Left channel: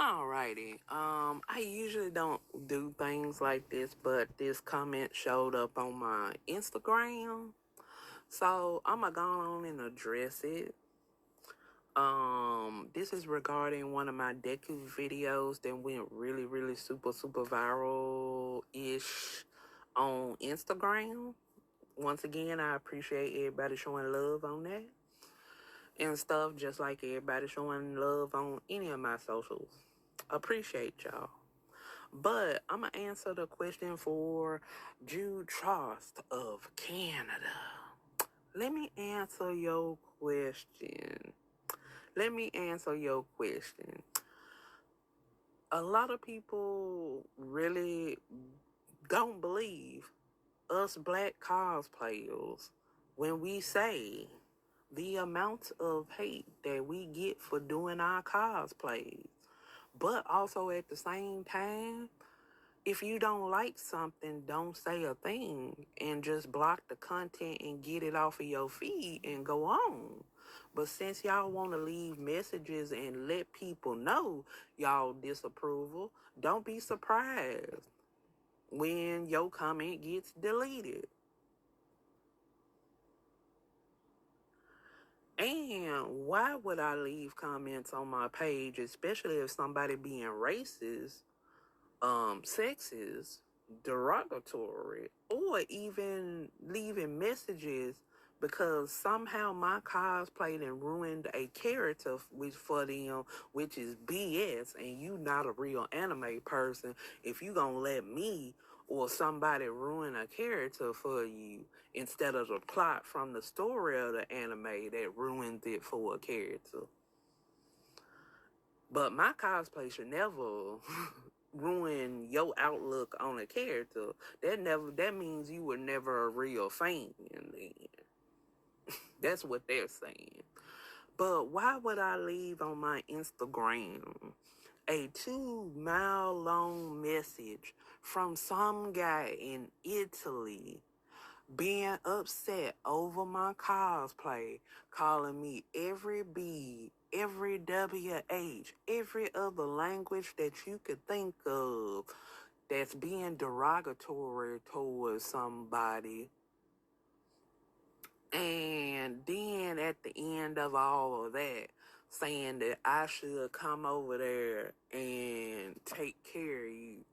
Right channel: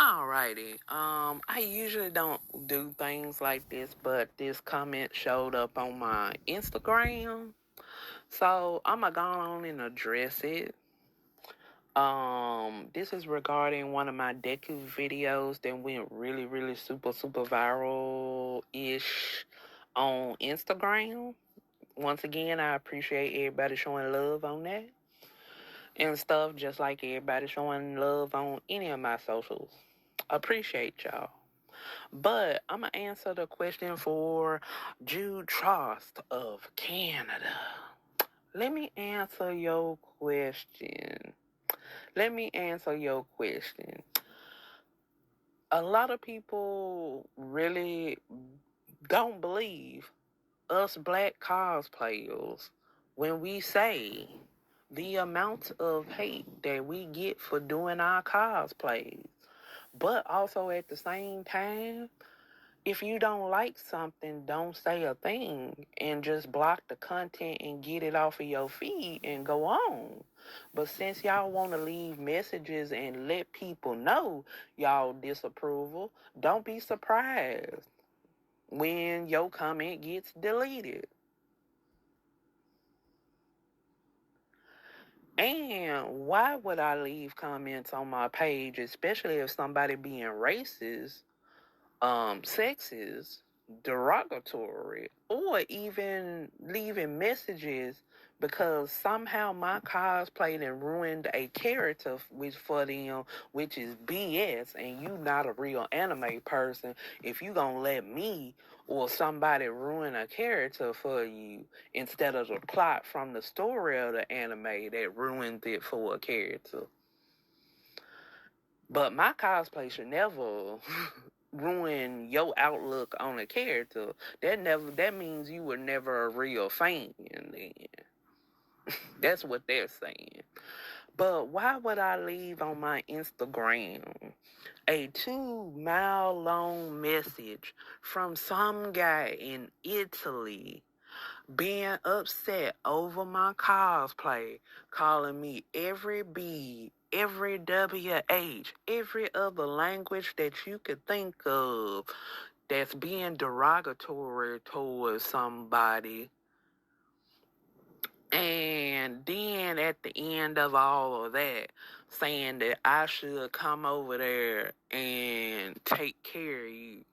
Alrighty. I usually don't do things like this, but this comment showed up on my Instagram. So I'm gonna go on and address it. This is regarding one of my Deku videos that went really, really super viral-ish on Instagram. Once again, I appreciate everybody showing love on that and stuff, just like everybody showing love on any of my socials. Appreciate y'all. But I'm going to answer the question for Jude Trost of Canada. Let me answer your question. Let me answer your question. A lot of people really don't believe us black cosplayers when we say the amount of hate that we get for doing our cosplays. But also at the same time, if you don't like something, don't say a thing and just block the content and get it off of your feed and go on. But since y'all want to leave messages and let people know y'all disapproval, don't be surprised when your comment gets deleted. And why would I leave comments on my page, especially if somebody being racist, sexist, derogatory, or even leaving messages because somehow my cosplay done ruined a character which for them, which is BS, and you not a real anime person if you gonna let me or somebody ruin a character for you instead of the plot from the story of the anime that ruined it for a character. But my cosplay should never ruin your outlook on a character. That means you were never a real fan then. That's what they're saying. But why would I leave on my Instagram a 2 mile long message from some guy in Italy being upset over my cosplay, calling me every B, every WH, every other language that you could think of that's being derogatory towards somebody. And then at the end of all of that, saying that I should come over there and take care of you.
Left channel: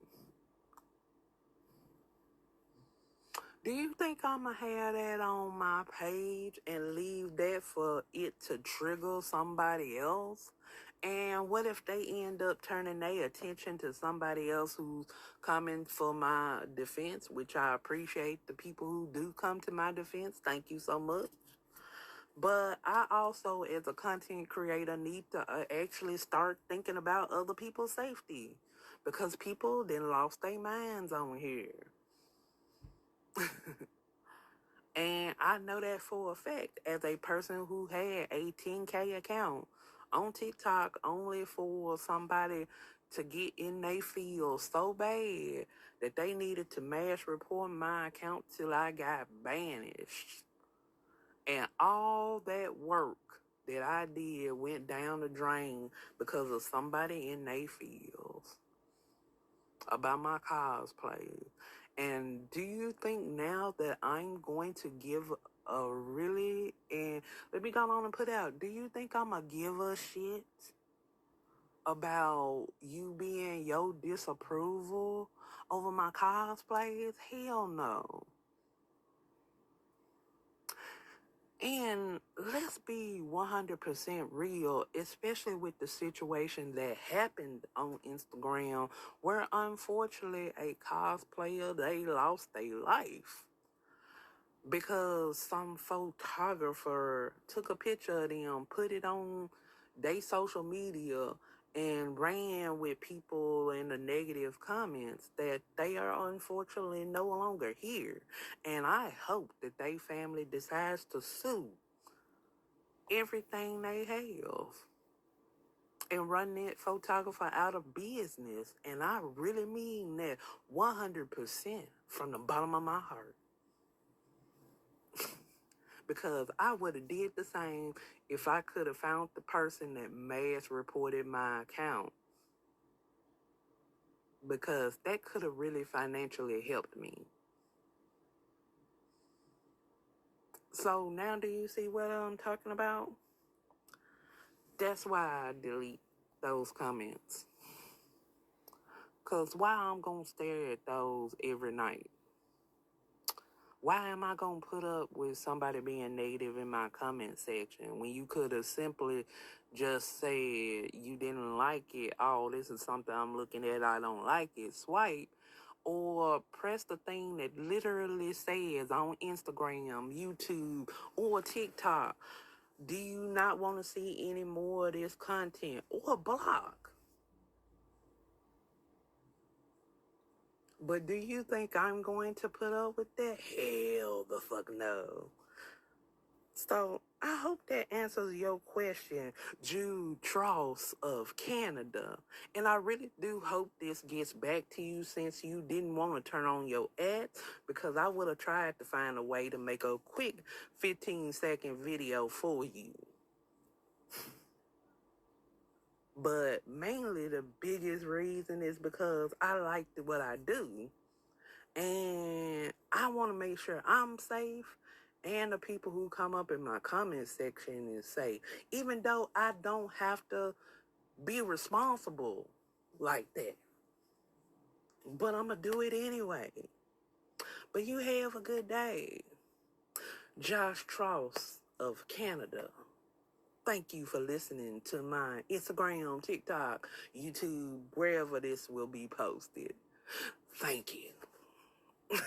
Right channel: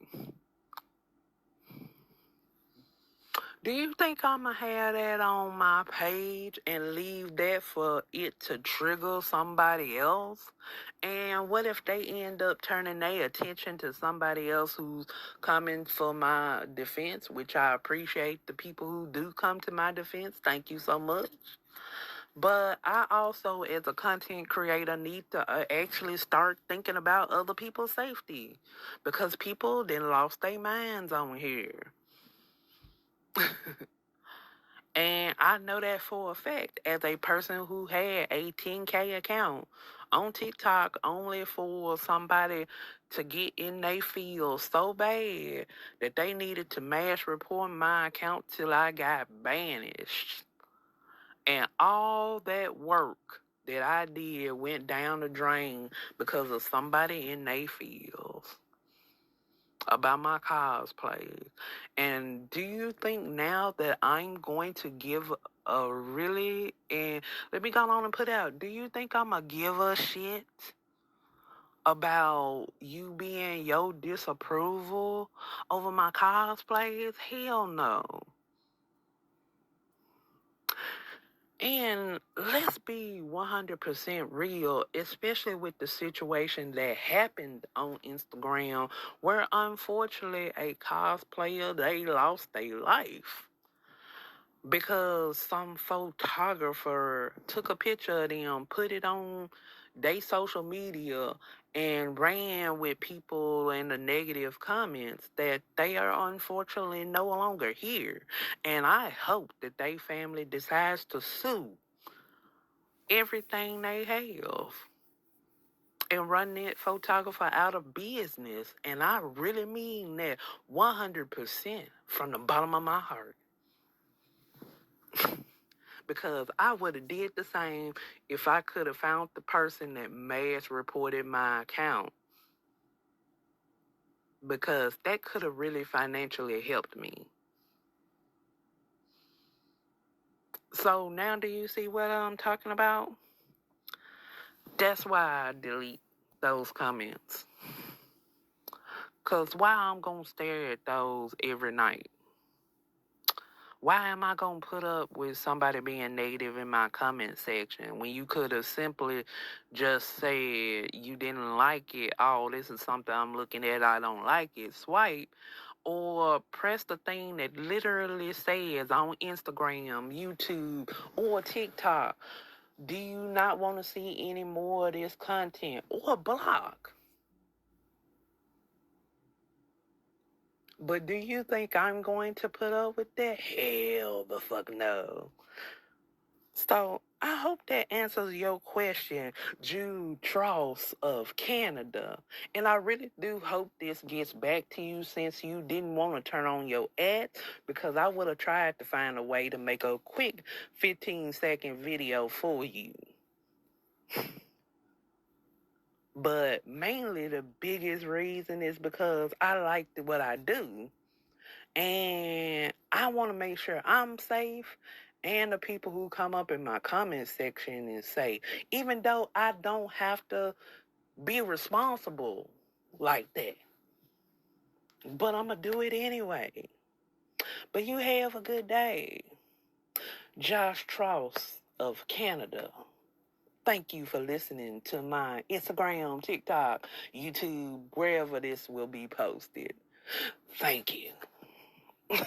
Do you think I'm going to have that on my page and leave that for it to trigger somebody else? And what if they end up turning their attention to somebody else who's coming for my defense, which I appreciate the people who do come to my defense. Thank you so much. But I also, as a content creator, need to actually start thinking about other people's safety because people then lost their minds on here. And I know that for a fact as a person who had a 10K account on TikTok only for somebody to get in their field so bad that they needed to mass report my account till I got banished. And all that work that I did went down the drain because of somebody in their fields about my cosplay. And do you think now that I'm going to give a really, and let me go on and put out, do you think I'm going to give a shit about you being your disapproval over my cosplays? Hell no. And let's be 100% real, especially with the situation that happened on Instagram, where unfortunately a cosplayer, they lost their life because some photographer took a picture of them, put it on their social media, and ran with people in the negative comments that they are unfortunately no longer here. And I hope that they family decides to sue everything they have and run that photographer out of business. And I really mean that 100% from the bottom of my heart. Because I would have did the same if I could have found the person that mass reported my account. because that could have really financially helped me. So now do you see what I'm talking about? That's why I delete those comments. Because why I'm going to stare at those every night? Why am I going to put up with somebody being negative in my comment section when you could have simply just said you didn't like it? Oh, this is something I'm looking at. I don't like it. Swipe. Or press the thing that literally says on Instagram, YouTube, or TikTok, do you not want to see any more of this content? Or block. But do you think I'm going to put up with that? Hell the fuck no. So I hope that answers your question, Jude Tross of Canada. And I really do hope this gets back to you since you didn't want to turn on your ads, because I would have tried to find a way to make a quick 15-second video for you. But mainly the biggest reason is because I like what I do. And I want to make sure I'm safe and the people who come up in my comment section is safe. Even though I don't have to be responsible like that. But I'm going to do it anyway. But you have a good day. Josh Tross of Canada. Thank you for listening to my Instagram, TikTok, YouTube, wherever this will be posted. Thank you.